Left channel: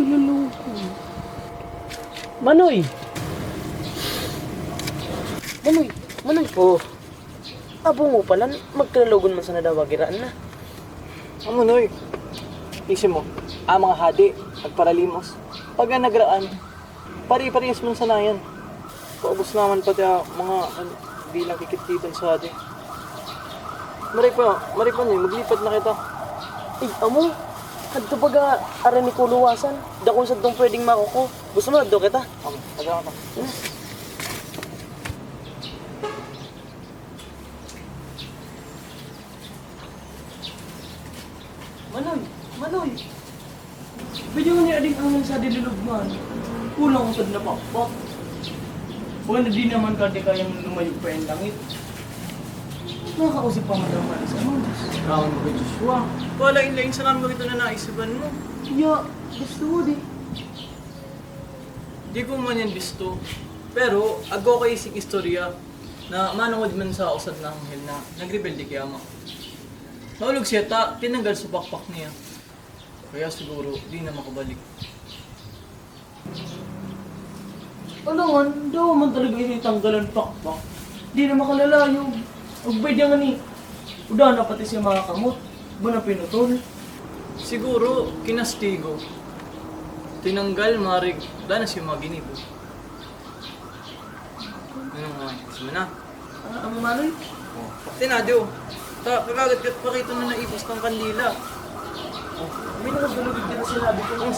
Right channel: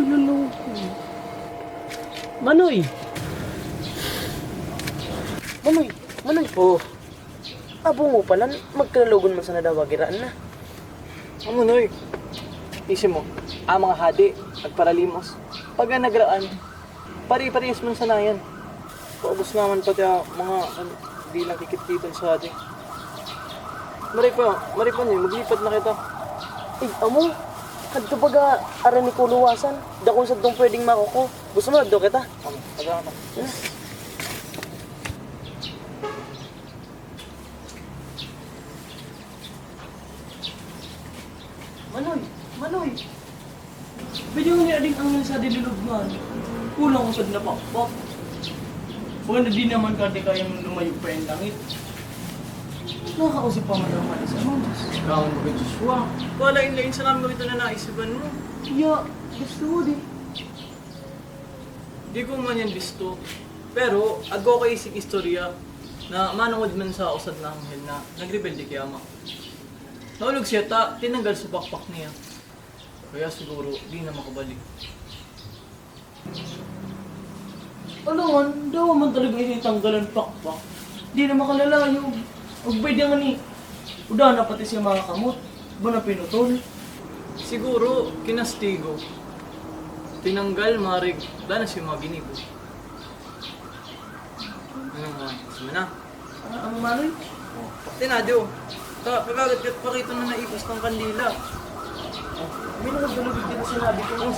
ka naloko. Manoy! Manoy! Oh, Abo mo pala, magkalalogon man sa nadawagiraan na. amo noy. Isip mo, mga hadi, agparalimos. Pag nagraan, pari-parehas man sanayan. Paubos naman pati mga di lang kikititan sa hadi. Maripa niyo, maglipat na kita. Amo, kadto baga aran ni kuluwasan. Dakon sa dong pwedeng makuko. Gusto mo adto kita? Taga ka. Manoy! Pwede mo ni ading angin sa dilulugman. Kulang ko sa napakpak. Baka na di naman kati kayang lumayo pa yung langit. Nakakausip pa man naman sa mga Diyos. Kawan mo kay Joshua. Wala in sa namin ito na naisipan mo. Ya, gusto mo di. Di ko man yan gusto. Pero, ako kay ising istorya na manungod man sa usad na anghel na nagrebelde kay ama. Naulog siya tinanggal sa pakpak niya. Kaya siguro, di na makabalik. Ano nga, daw man talaga isitanggalan pakpak. Di na makalalayo. Ugbay di nga ni. Uda na pati siya mga kamot. Ba na pinutol? Siguro, kinastigo. Tinanggal, marig, wala na siya mga ginibo. Ano nga, sama na. Ang manoy? Tinadyo. Kakagat pakita na naipos ng kandila. May nagdulugig din na sinabi ko.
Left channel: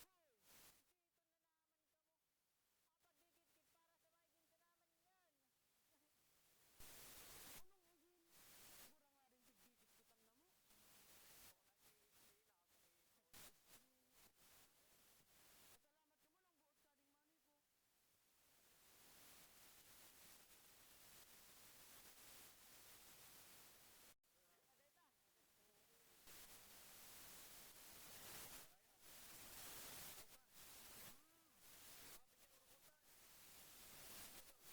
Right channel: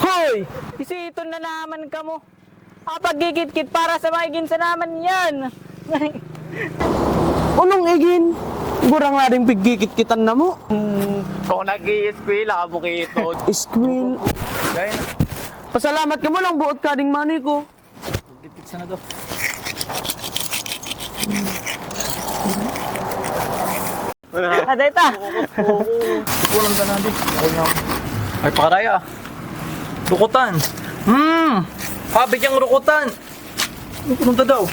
Hoy! Isito na naman ka mo. Pagkikit-kit para sa maigin sa naman yan. Anong igin? Gurang nga rin pigkikit-kitan na mo. Kung nag-i-squil, ako kito. Squill. Gaya na. Pasalamat ka mo lang buot ka ding money ko. Gipit sana to. Aday ta. Kulang ka natin. Ay, pakaraya. Rukutan. Habit yung rukutan. Ano punta daw?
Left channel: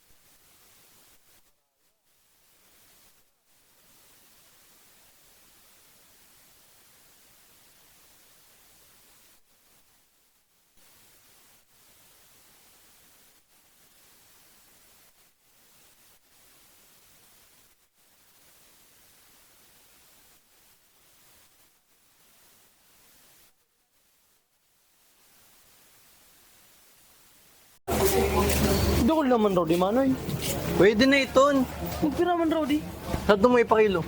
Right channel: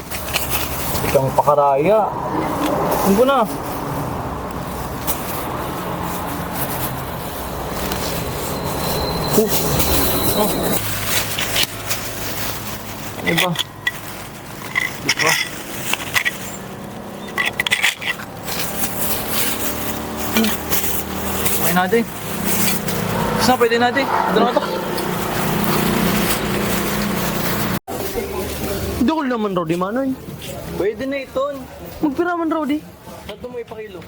Ikang pakaraya. Ano ko na? Oh. Iba. Iba. Okay natin. Saan pwede natin? Ito na ito. Hindi ko naman Rodi Manoy. Pwede na ito. Magpira man Rodi. Lahat mo ipakilo.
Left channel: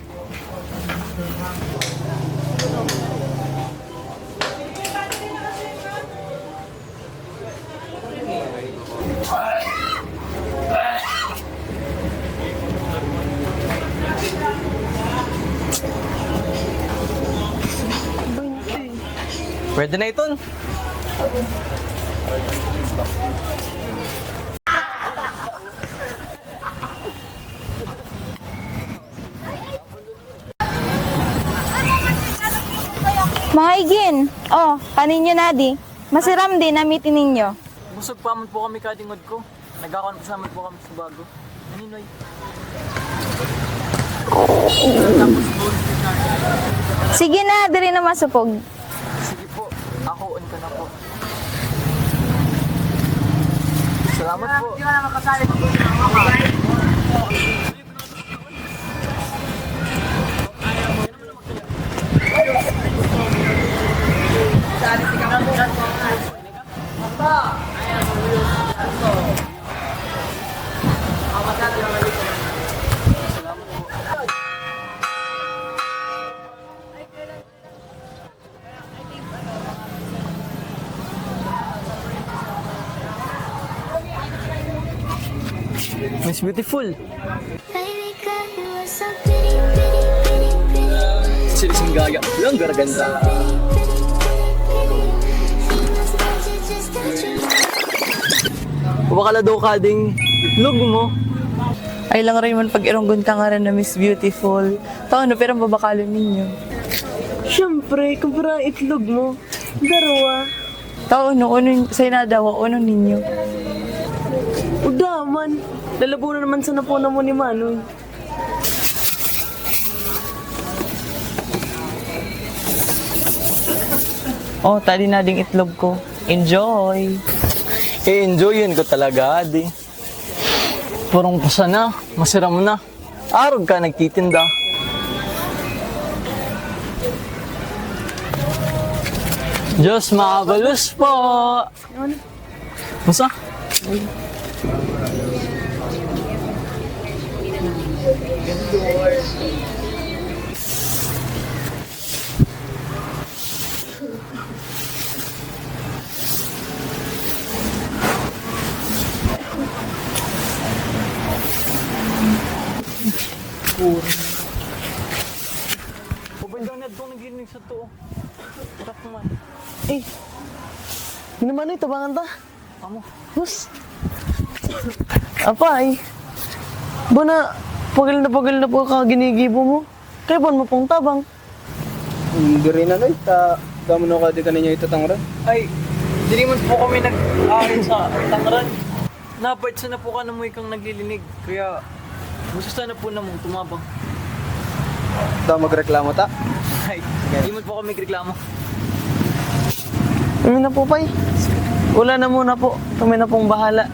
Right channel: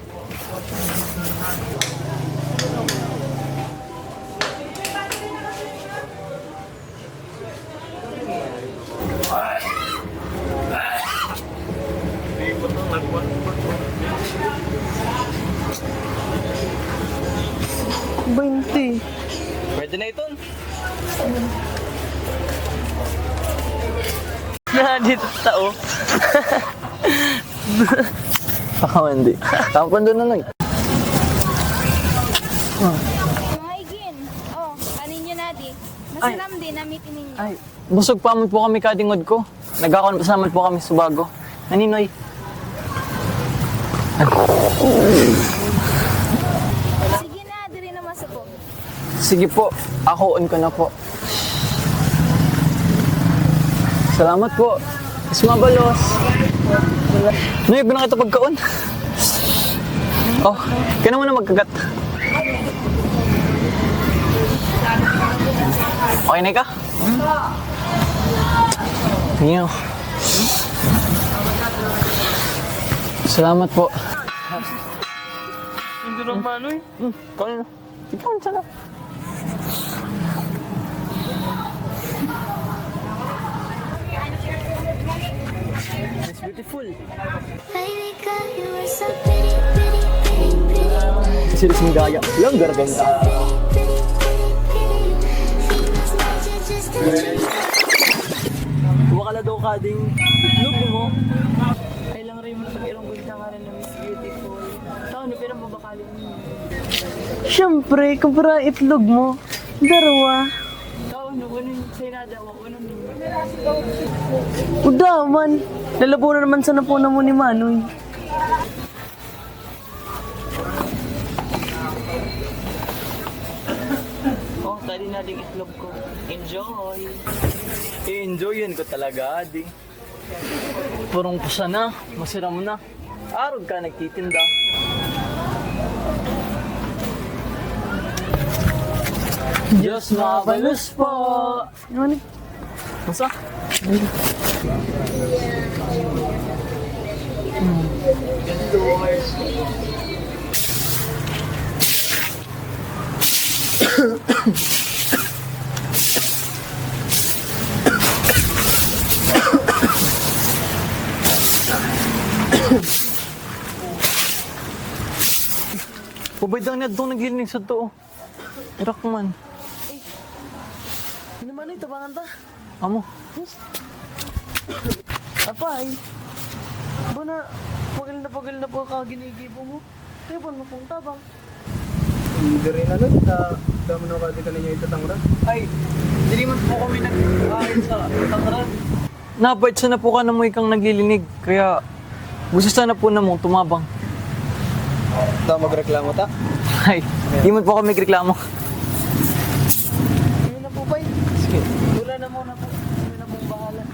Pwede na ito. Nadit tao. Hindi. Tapon doon na lang. Mga igin, kanin nyo na di. Masiram din, namitin ninyo. Busog pa po kami kadingod ko. Nagkakasaman po kami sa bago. Naninoy. Sige na, diri na masupog. Sige po, ako on ko na po. Salamat po. Sumabalo. Noy, ba na kita pagkaon? Oh, kaya naman na magkagat. Okay na ka? Niyo. Salamat po. Hindi lang Manoy. Ikaw na. Ikaw na sana. Miss Beautiful. Baby girl, you are so pretty, pretty, pretty, pretty. Sirising gaya. Lang garaganda. Pretty, pretty, pretty, pretty. Females magic just a dream. Wakala daw ka ding itlog mo. Ay lang rin man pag ironggon ka nga rin na Miss Beautiful. Taon na pero babakalo ninyo. Siyempre, kumpara itlog mo. Darawa. Tao no, sa inadawa, ano ninyo? Uda man, lalabo na naman sa napuna mo ni Manoy. Oh, tali na ding itlog ko. Enjoy! I-enjoyin ko talaga, adi. Purong pusa na, masiram na. Arog ka nagtitinda. Diyos mabalos po! Pusa? Pabay lang niya doon naglilinig sa to. Urak man. Eh, yun naman ito, tabangan ta. Amo. Hus. Apay. Buna, pagal na po ka ginigibo mo. Kaya mo pong tabang. Hindi rin ano, kamo na ka di ka ninyo itatangra. Ay, hindi man po kami nag-aaral sa Tangran. Nabait sana po ka na mo ikang naglilinig. Kaya, gusto sana po na mo tumabang. Daw magreklamo ta. Ay, hindi man po kami reklamo. Kami na po, pay. Wala na muna po. Kami na pong bahala.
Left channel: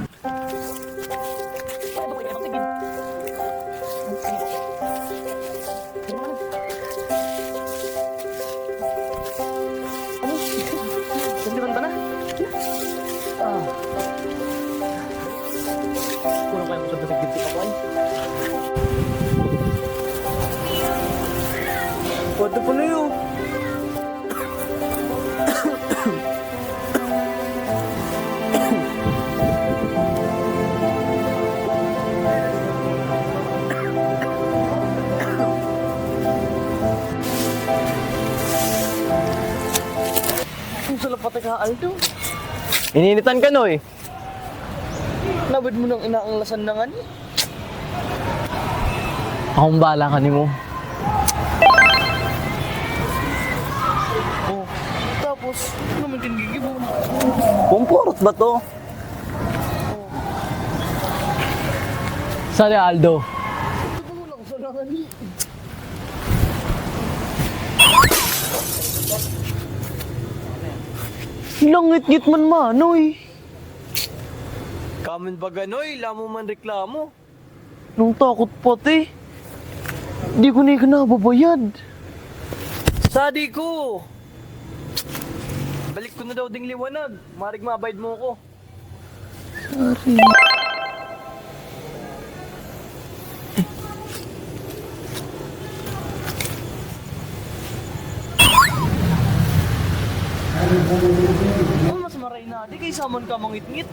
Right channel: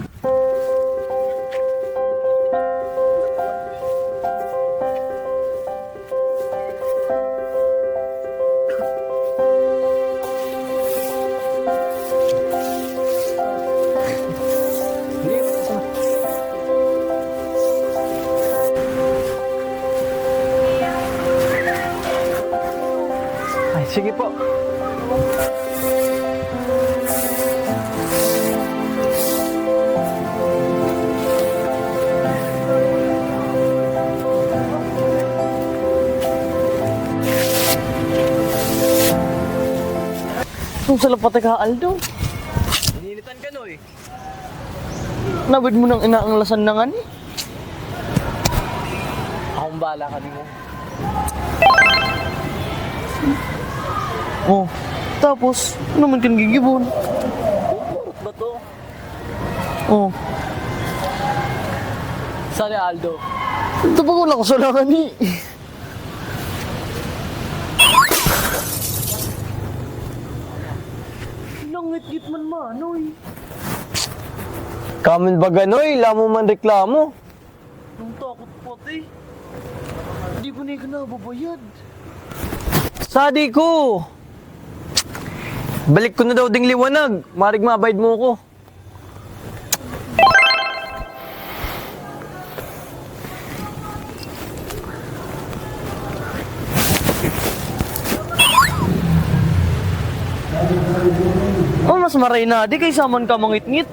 Ay, sige po. Kung sila patay ka, Aldo. Ininitan ka, Noy. Nabid mo nang inaanglasan na nga ni. Akong bahala ka ni mo. Oh, tapos, ano man tinigigibon? Kumpurot ba to? Oh, Sali, Aldo. ito ba wala ko sa langan ni? Langit-ngit man Manoy. Kamin ba ganoy? Lamo man reklamo. Nung takot pati. Di ko na ikanababayad. Sadi ko! Balik ko na daw ding liwanag. Marig mabayad mo ko. Oh, mas maray na di kaysa man ka mangit-ngit.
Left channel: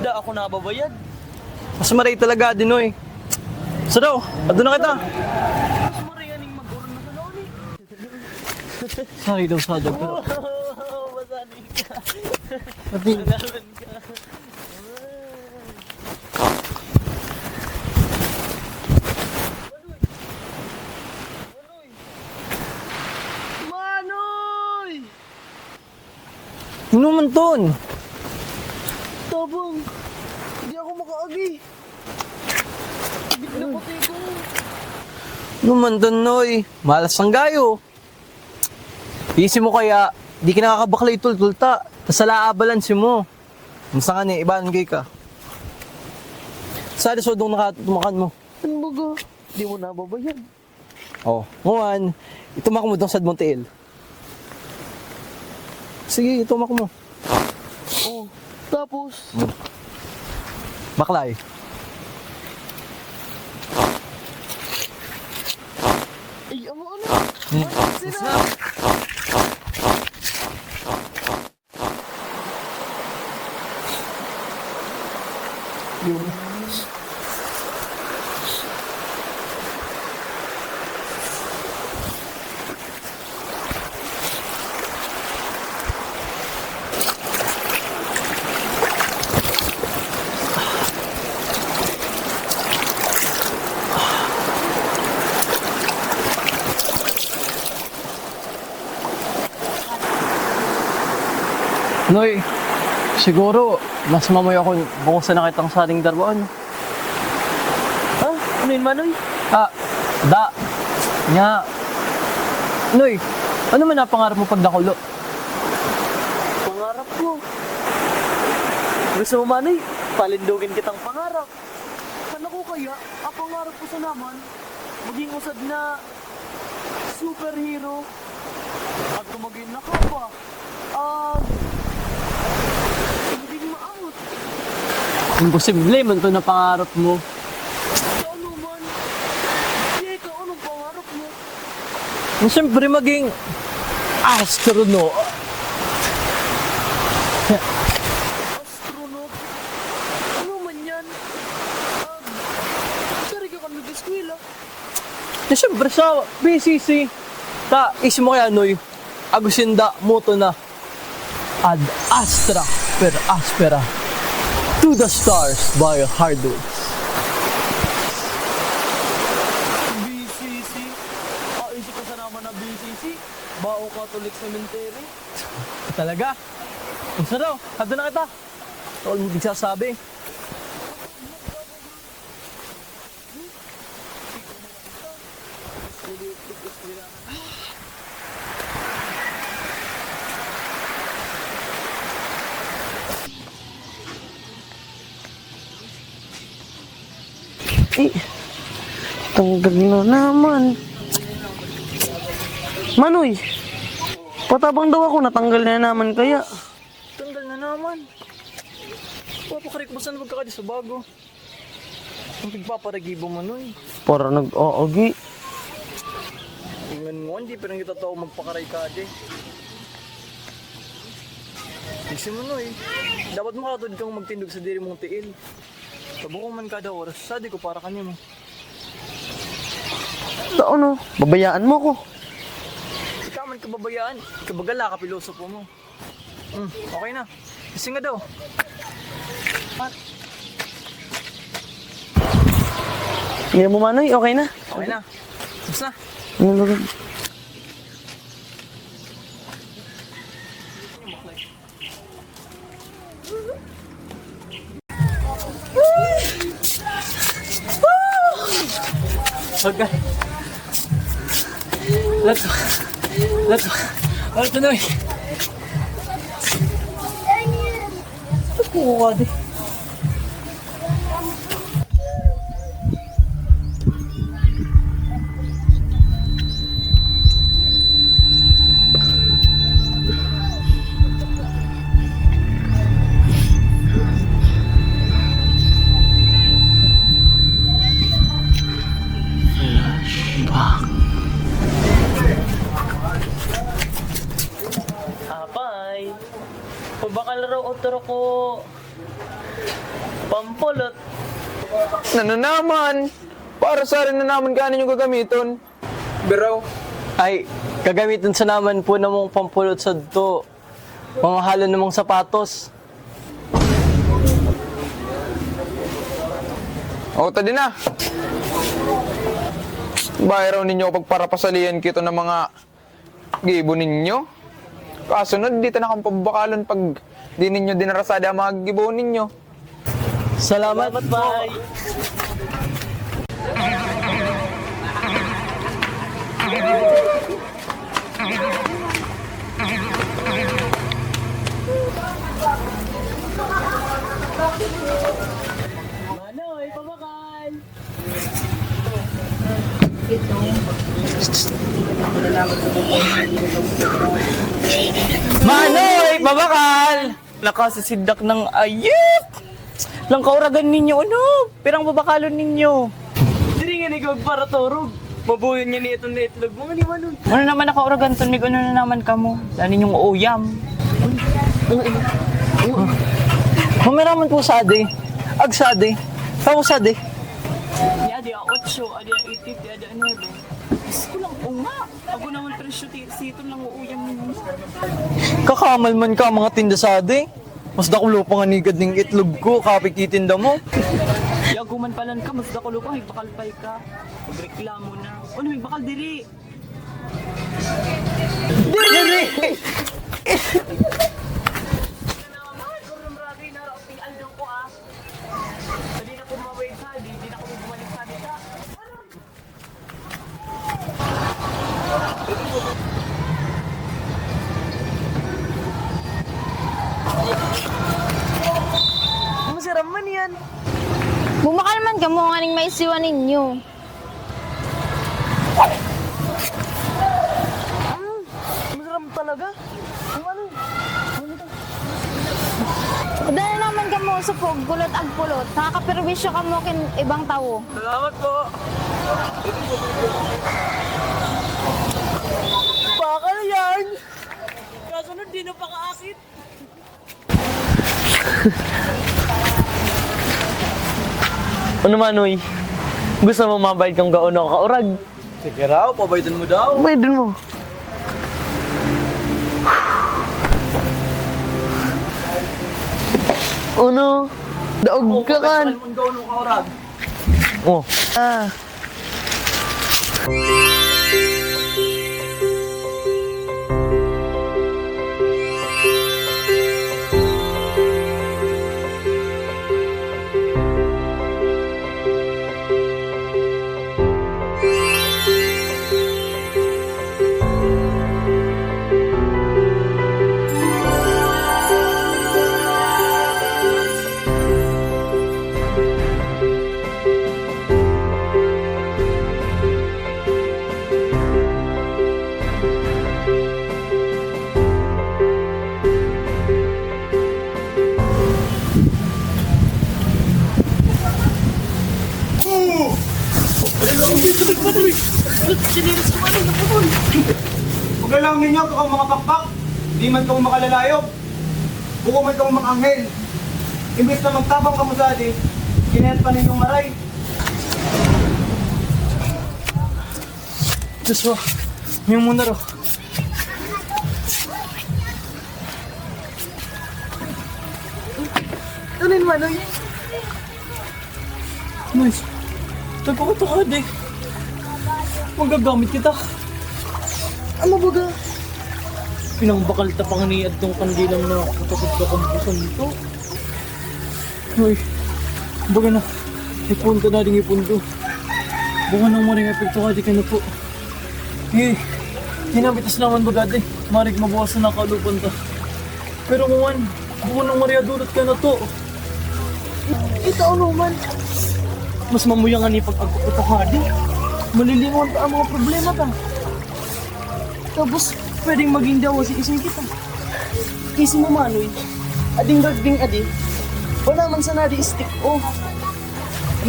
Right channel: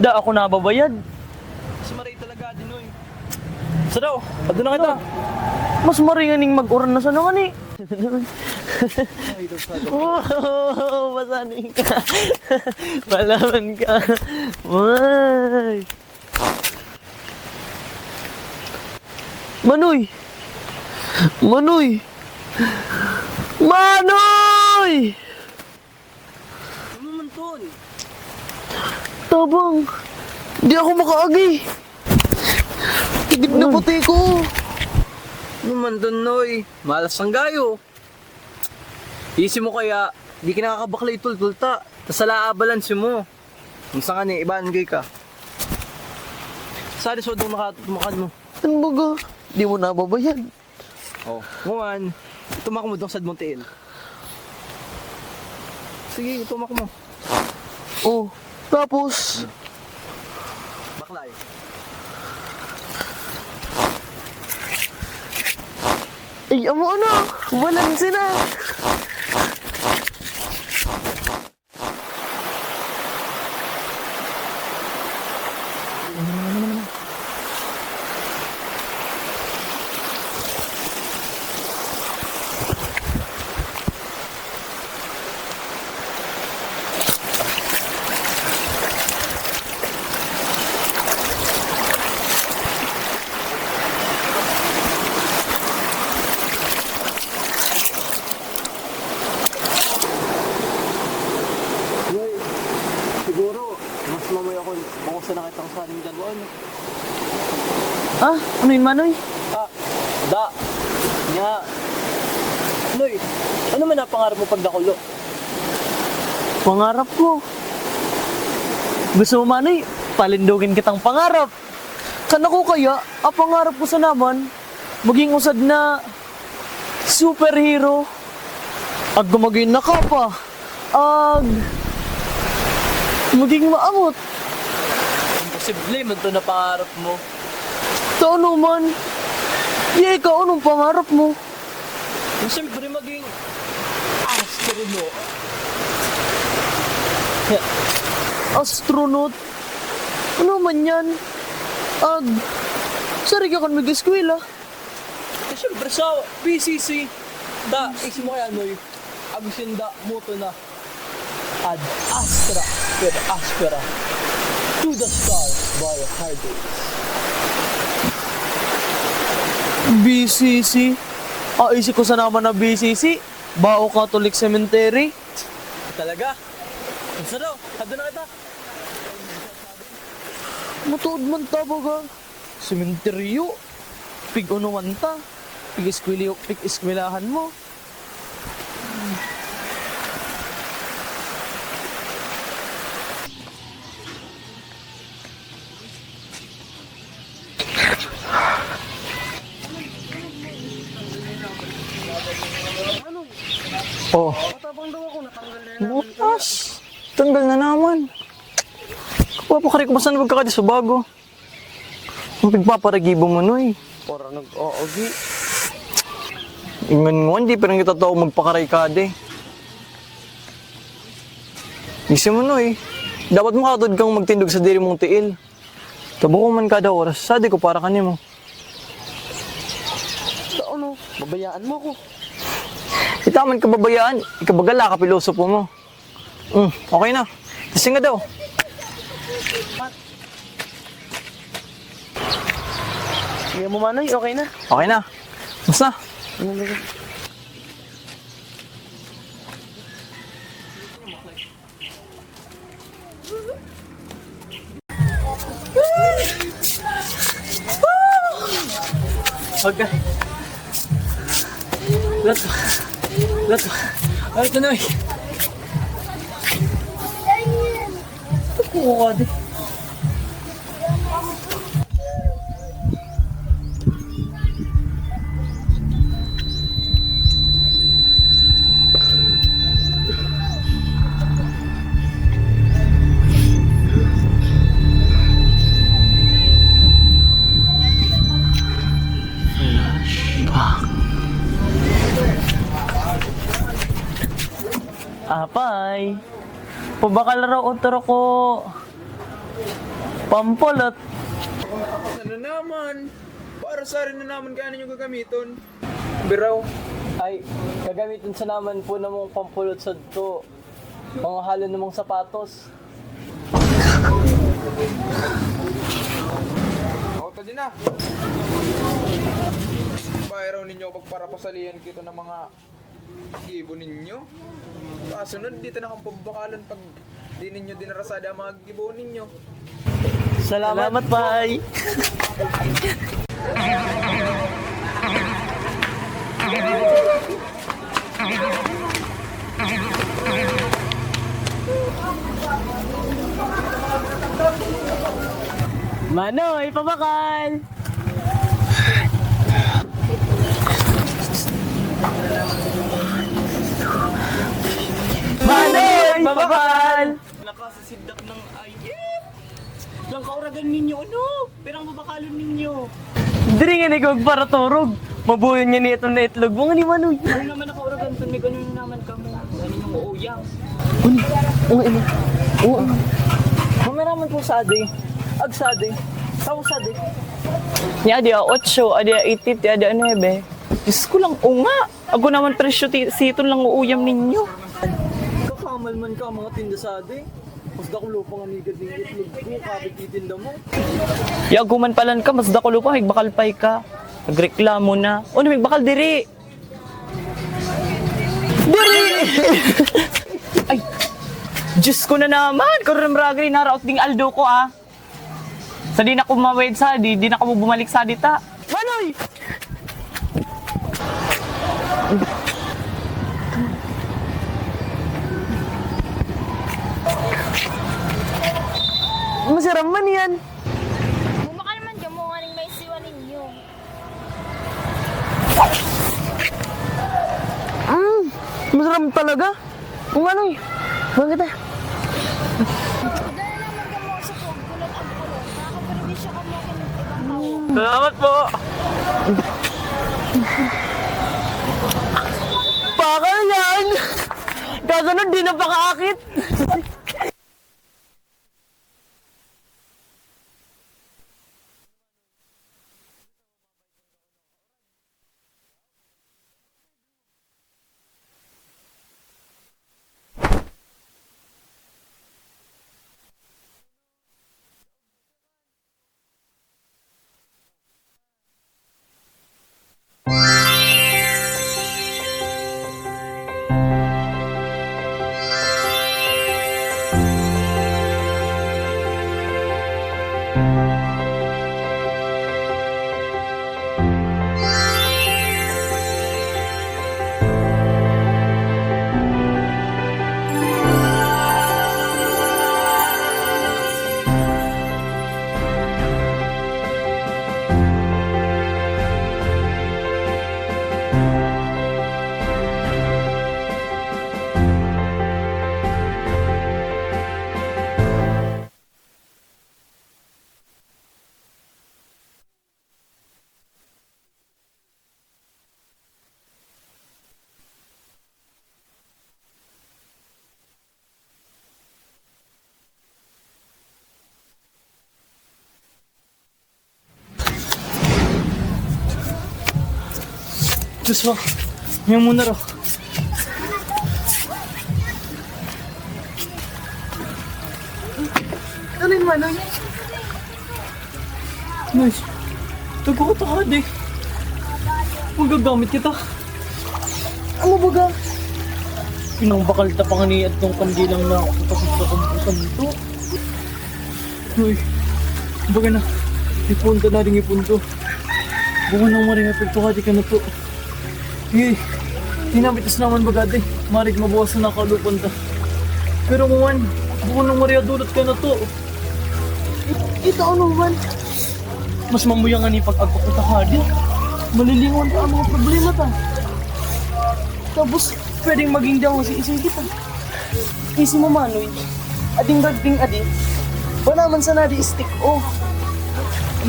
Da ako nababayad. Mas maray talaga din, Noy. So daw, ando na kita. Mas maray nga ning mag-uran na sa naman eh. Sorry daw, Sado. Oh, masanin ka. Malaman ka. Ay. Manoy! Manoy! Manoy! Ano man ton? Tabang! Di ako makaagi! Tigid na pati ko! Ano man ton, Noy? Malas ang gayo. Isip mo kaya, di ka nakakabakla itultulta. Tas ala balance mo. Masa nga ni, ibaan gay ka. Sali so doon nakatumakan mo. Ano baga? Di mo nababayad. Oh, Juan, itumak mo doon sa Montiel. Sige, itumak mo. Oh, tapos... Baklay. Ay, amo na! Walang sila! Noy, siguro, mas mamoy ako kung saan nakitang saling darwaan. Ha? Ano yun, Manoy? Da. Nga. Noy, ano man napangarap mo pag nakulo? Pangarap ko. Gusto mo, Manoy? Palindugin kitang pangarap. Kana ko kaya, ang pangarap ko sa naman, maging usad na superhero. Ag gumagin na ka pa. Ag maging maamot. Imposible man to na pangarap mo. Ito ano man? Di ikaw, anong pangarap mo? Siyempre maging astronaut. Astronaut? Ano man yan? Ag, sari ka kung mag-eskwela. Siyempre sa BCC, da, isip mo kaya, Noy, agusinda mo to na ad astra per aspera to the stars by hardwoods. BCC? Isip ko sa naman na BCC. Bao Catholic Cemetery. Talaga? Ang saro, tabi na kita. Huwag nagsasabi. Matuod man tabaga. Sementeryo. Pig-unuan ta. Pig-eskwelahan mo. Tanggal na naman. Manoy! Oh, Patabang daw ako, natanggal na naman kaya. tanggal na naman. Papakari ko basan ka sa bago. Ang pigpaparagibo mo, Noy. Para nag-aagi. Ingan mo, hindi pa rin kita tao magpakaray ka, de. Isa mo, Noy. Dapat mo katod kang magtindog sa diri mong tiil. Tabo ko man kada oras, sadi ko para kanimo. Sa ano? Babayaan mo ko. Itaman ka babayaan, ikabagala ka pilosopo mo. Okay na. Lasing nga daw. Hindi mo Manoy, okay na. Okay na. Basta. Pagka. Lato. Ay, tuloy. Oo, ade. Apay. Pabakalaro utro ko. Pampolot. Naman! Para sa rin na naman kanin yung gagamiton. Bro, ay, gagamitin sa naman po na mong pampulot sa to. Mga halo namang sapatos. O, tadi na. Bayaraw ninyo pag para pasalihan kito ng mga gibo ninyo. Kasunod, dito na kang pabakalan pag di ninyo dinarasada ang mga gibo ninyo. Salamat, Pay. Manoy, pabakal! Manoy, pabakal! Nakasisindak ng ayip! Lang kauragan ninyo, ano? Pirang babakalon ninyo. Diri nga nigog para turog. Mabuhin nga nito na itlog. Mga ni Manoy. Ano naman nakauragan to? Mig ano na naman kamo? Dahil ninyong uyam. Mameraman po sa ade. Ag sa ade. Tao sa ade. Ni adi 8, adi 80, adi 9. Diyos ko lang, unga. Ako naman presyo siton lang uuyam ninyo. Kakamal man ka mga tinda sa ade. Mas dakulo pa nga nigad ng itlog ko, kapikitinda mo. Yaguman palan ka, mas dakulo pa, magbakal pay ka. Nagreklamo na. O, magbakal diri. Diri! Ay, Diyos ko na naman! Karoon ragay naraot ding Aldo ko ah. Sa di na ko mawed sa di na ko bumalik sa dita. Manoy! Masarap man yan. Bumakalman ka mo nga ning may siwa ninyo. Masarap talaga. Kung ano eh. Bakit ah? Dahil naman ka mo sa pagkulot ag pulot. Nakakaperwisyo ka mo kin ibang tao. Salamat po. Bakal yan! Kasunod di na pakaakit. Ano Manoy? Gusto mo mabayad kang gaon o kaurag? Sige raw, pabaydan mo daw. Bayad mo. Ano? Daog ka kan. Ang gawin mo kaurag. Oh. Ah. Paglalang ninyo, kung mga pakpak, di man kamo makalalayob. Buko man kamo makanghel. Imbis na magtabang kamo sa adi, kinayat pa ninyong maray. Diyos mo, may muna raw. Ano yung Manoy? Nice. Tagkakita ka, di. Magagamit kita. Ano ba ga? Inang bakal tapang ni at tong pandilang na katakot-takot dito. Uy, baga na. Ipunto na rin ipunto. Bunga nang maring epekto ka, di ka na po. Eh, tinabitas naman baga din. Marig mabawas na nakalupan ta. Pero kuwan, bunga nang maring adulot ka na to. Ito ano man? Mas mamuyangan ni pag-agpapita ka, di. Malilingon pa ang mga problema ta. Tapos, pwedeng maging daw si isang kita. Isip mo Manoy, ading ragding adi, ba naman sa nadi stick off.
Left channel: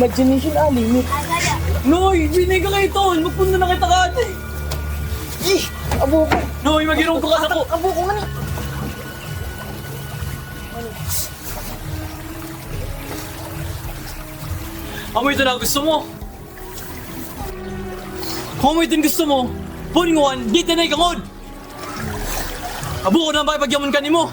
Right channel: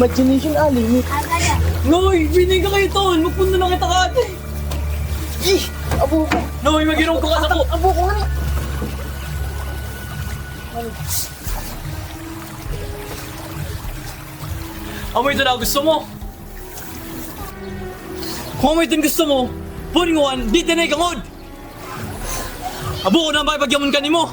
Imagination ali ni. Noy, pwede ka kayo ton, magpunta na kita ka adi. Eh, abo ko. Noy, mag-inong ka sa ko. Abo ko ano? Amoy ito na gusto mo. Kung amoy ito gusto mo, huling mo, di tinay ka ngod. Abo ko na ba ipagyaman ka ni mo?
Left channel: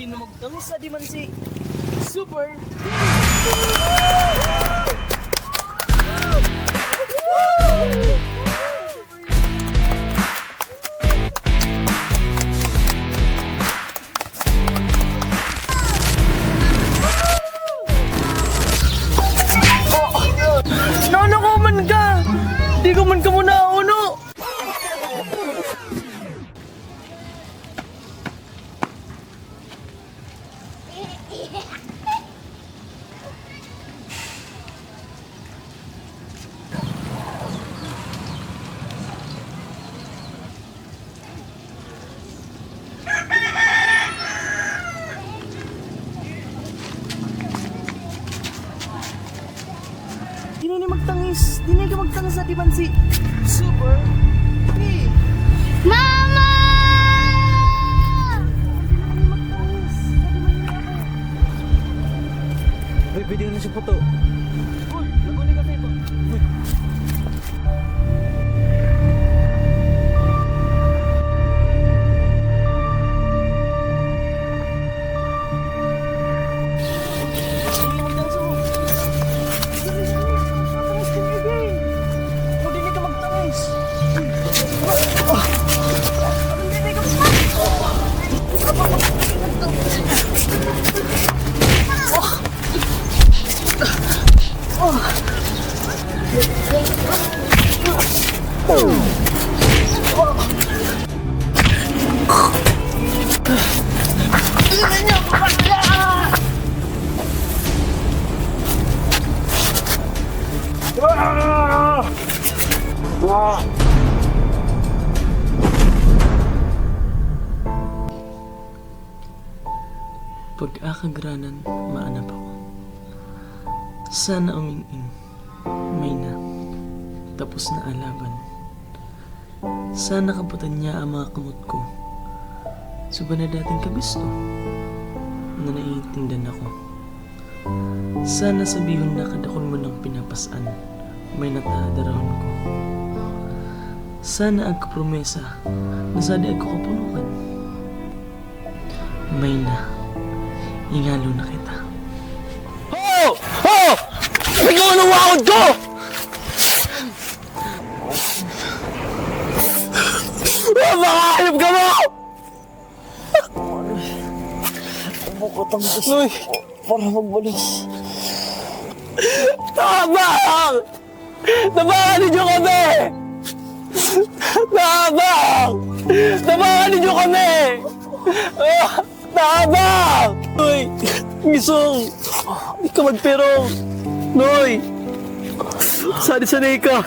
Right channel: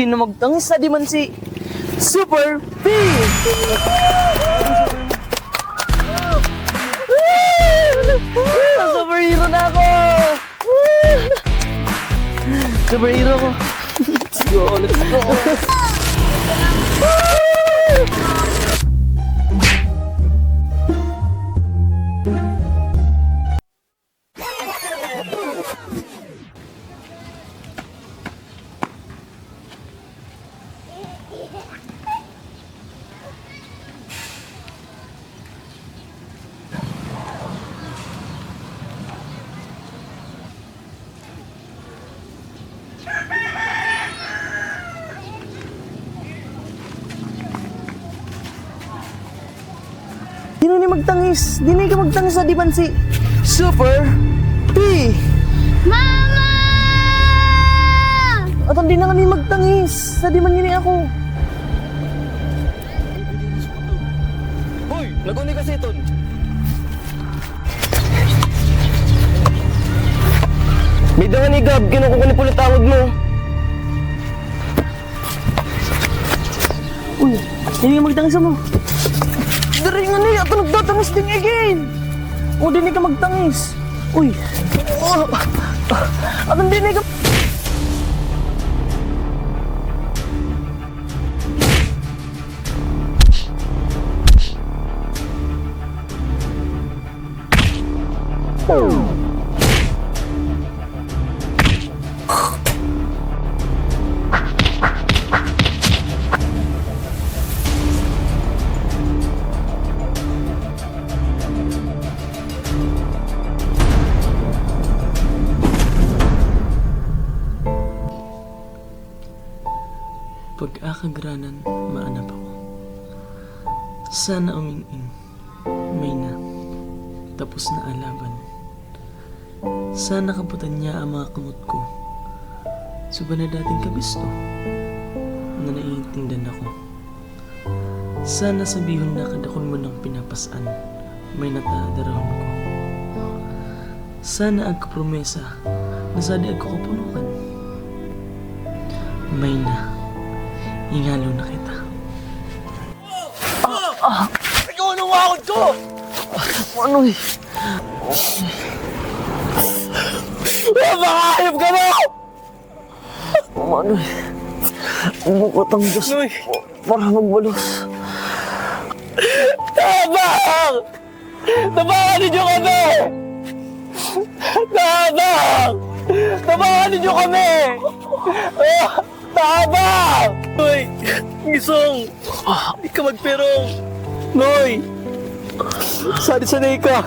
Di na magtangis di man si Super P! Superhero na ako! Superhero ko! Go, let's go! Ano ko man ka? Di ko man ka muna uno! magtangis. Dini ka magtangis sa diban si Super P. Mama! At hindi na kami magtangis. Sa diban yun ako. Ay, pwede na si Puto. Hoy, naguni kasi ito. Bida ni Gab, kinukuha ni pulit tawad mo. Uy, dini ka magtangis mo. Dari nga niya, ito nagtatangis din again. O, dini ka magtangis. Uy, at hindi ka... Pag-akagranan, maanap ako. Sana umingin, may na, tapos na alaban. Sana kaputan niya ang mga kamot ko. Suba na dating kabisto, na naiintindihan ako. Sana sabihon na kadakol mo ng pinapasan, may natadarahon ko. Sana agkapromesa, na sadi agkakapunukan. May na, ingalo na kita. Oh! Oh! Ikaw ang nawakot ko! Ano eh? Makahanap ka mo! Ano eh? Bukot ang Diyos para magbalos. Tabang! Tabangan ninyo kami! Tabang! Tabangan ninyo kami! Tabang! Noy! Gisong! Di ka magpirong! Noy! Sanay ka!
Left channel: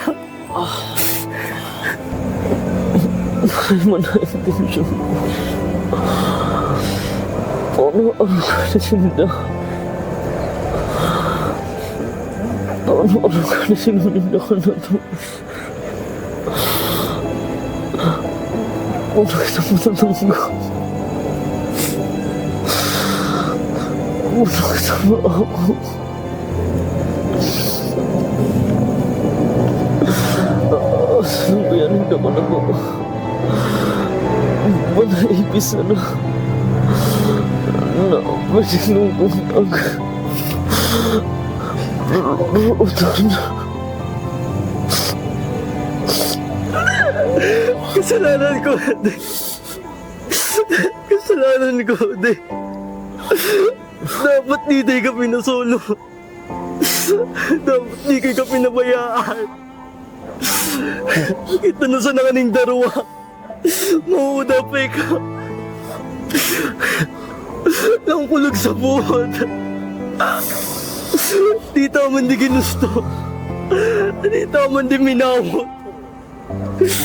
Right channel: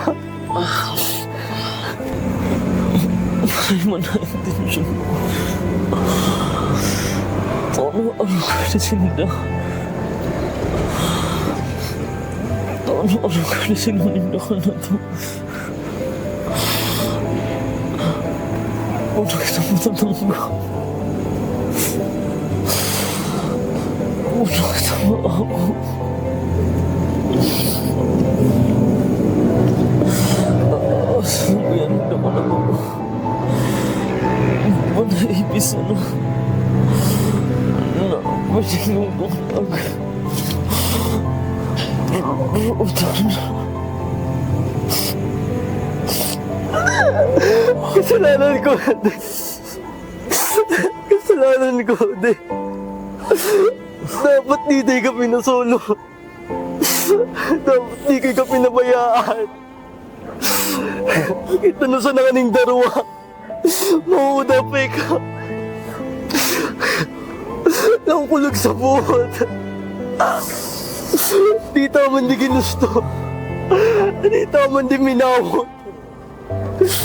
Ay, manaintensyon ko. Ano ka na sinda? Ano ka na sinulinda ka na to? Ano kita matatangga? Ano kita maawa? Saan ba yan? Hindi ko na po. Naipis na. Masinong buntag. Buutan na. Kasalanan ko, ate. Kasalanan ko, ate. Dapat di ka pinasolo. Dapat di ka pinabayaan. Kita na sa nakaning darwa. Maudapay ka. Naungkulog sa buhod. Di taman di ginusto. Di taman di minawa.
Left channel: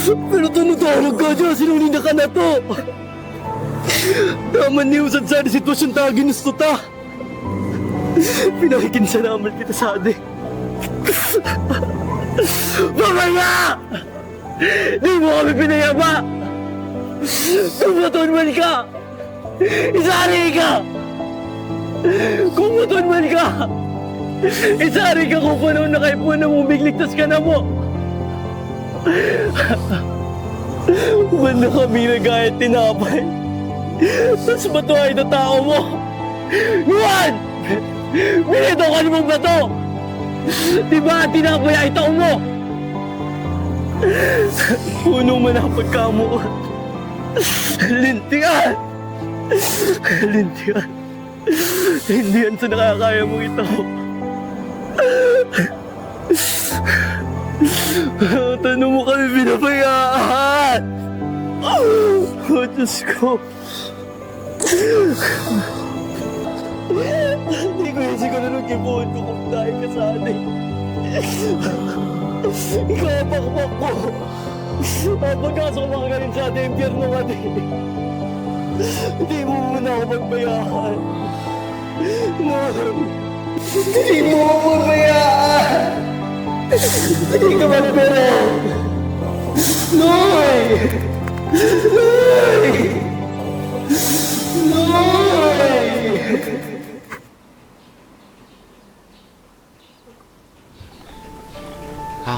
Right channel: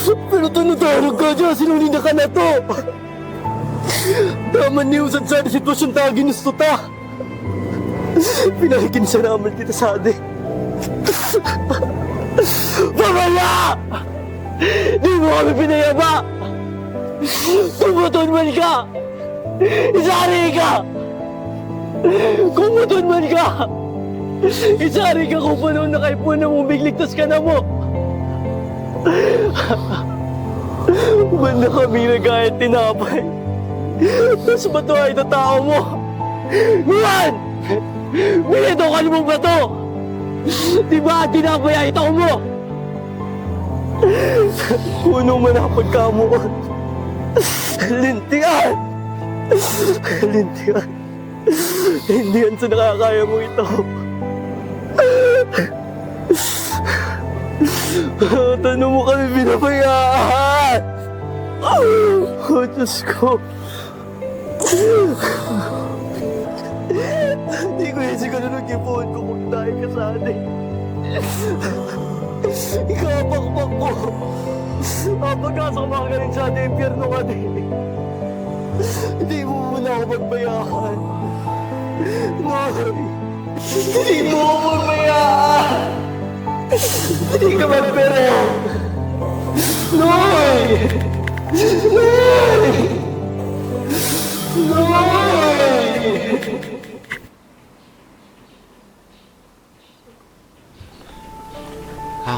Pero tunutulog ka dyan, sinulinda ka na to. Taman ni usad sa sitwasyon ta ginusto ta. Pinakikinsa naman kita sa adik. Pamama! Di mo kami pinayaba! Kumuton man ka! Isari ka! Kumuton man ka! Isari ka kung paano na kayo po na umigligtas ka na mo! Wala kami na gaya tinapay. Mas matuhay na tao mo! Juan! Binito ka namang bato! Di ba tinapay ay tao mo? Puno man ang pagkamuon. Lintian! Lintian! Hindi yan sa nakakaya mo ito. Tanong mo kami pinabayaan! Oh, Diyos ko! Hindi ko yung siguro nag-ibuhan ko kung dahil ka sa atin. Ikaw ang pakpak ko. Mapagkasok mga galing sa ating impyerno ka din. Hindi mo muna ako magbayaan. No. Hindi mo ako magbayaan. Hindi ka magpere! Noy! Noy! Noy!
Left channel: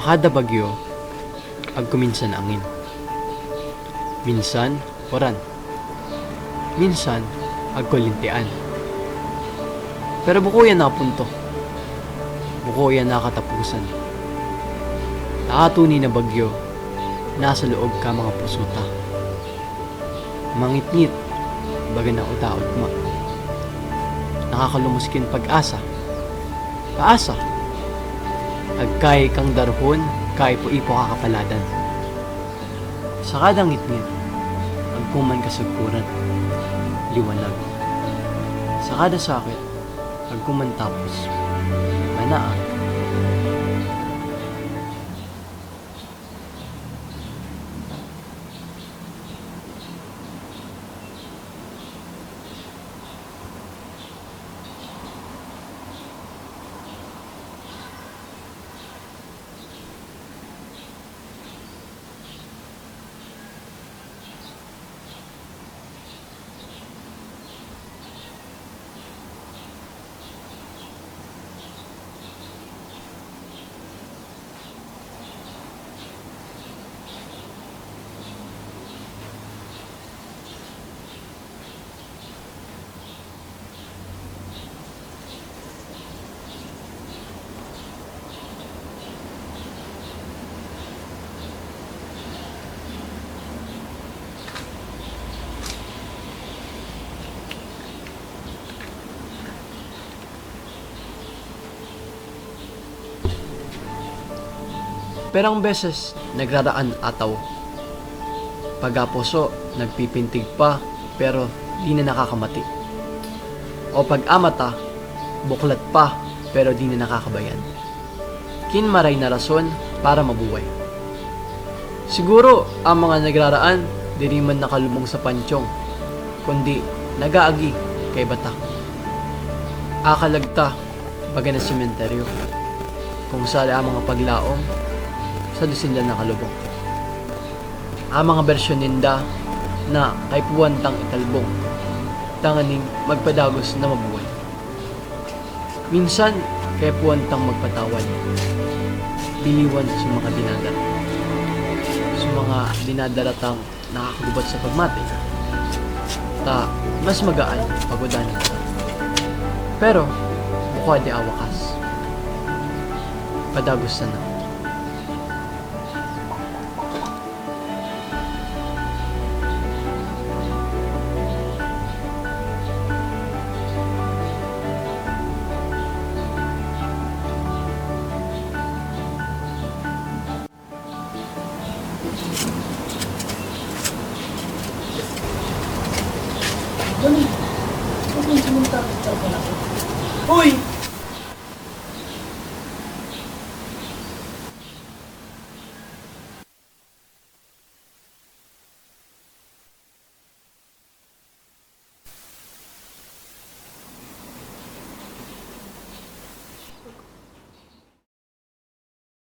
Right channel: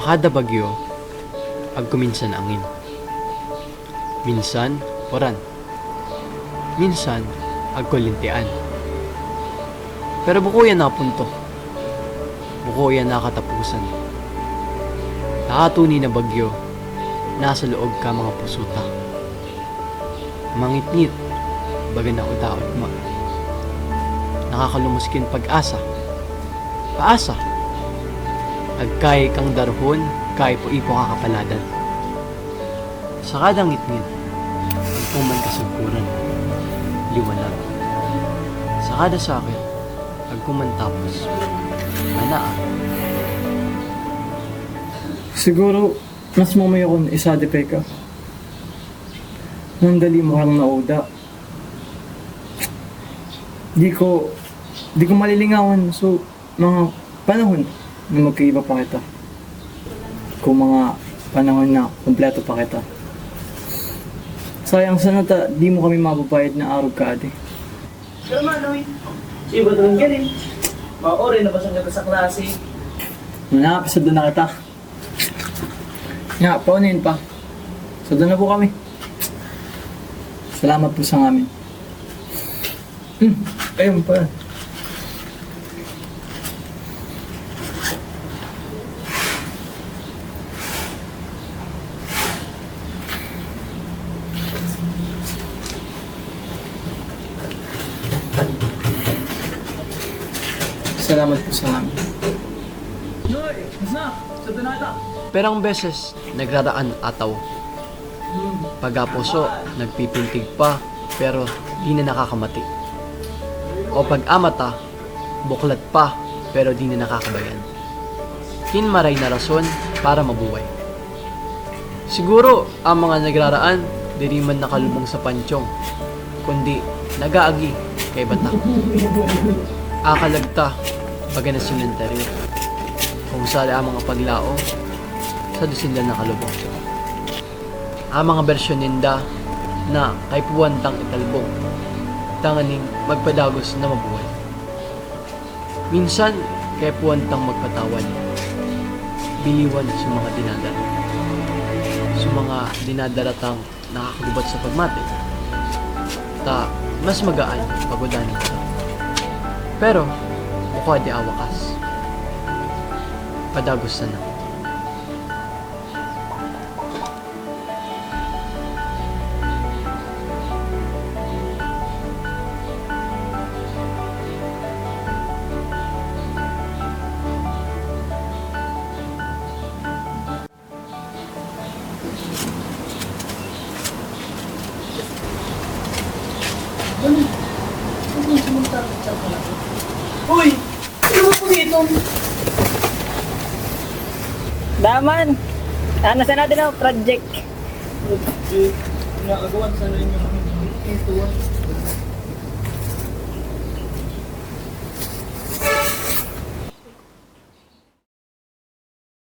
Kada bagyo, agkuminsan angin. Minsan, oran. Minsan, agkulintian. Pero buko yan napunto. Buko yan nakatapusan. Nakatuni na bagyo, nasa loob ka mga pusuta. Mangitngit, baga na udaot ma. Nakakalumuskin pag-asa. Paasa. Agkay kang darhon, kay po ipo kakapaladan. Sa kadang ngitngit, agpuman kasagkuran, liwanag. Sa kada sakit, agkuman tapos, manaan. Siguro, mas mamaya kung isadipay ka. Nandali mo kang nauda. Di ko malilingawan so mga panahon na magkaiba pa kita. Kung mga panahon na kumpleto pa kita. Sayang sana di mo kami mababait na araw ka ate. Pero Manoy, iba doon galing. Maori na ba siya sa klase? Nakapisa doon na kita. Nga, paunin pa. So doon na po kami. Salamat po sa amin. Ayun pa. Salamat po sa amin. Perang beses, nagraraan ataw. Pag-apuso, nagpipintig pa, pero di na nakakamati. O pag-amata, buklat pa, pero di na nakakabayan. Kinmaray na rason para mabuhay. Siguro, ang mga nagraraan, di rin man nakalumong sa pansyong, kundi nagaagi kay bata. Akalagta, baga na simenteryo, kung saan ang mga paglaong, sa dusindan na kalubong. Ang mga bersyon ninda na kay puwantang italbong, tanganing magpadagos na mabuhay. Minsan, kay puwantang magpatawan, biliwan sa mga dinadara. Sa mga dinadaratang nakakagubat sa pagmate, mas magaan pagodanin sa. Pero, bukod di awakas, padagos na. Uy! Ano ba po dito? Daman! Nasa natin ang project. Inaagawan sana yung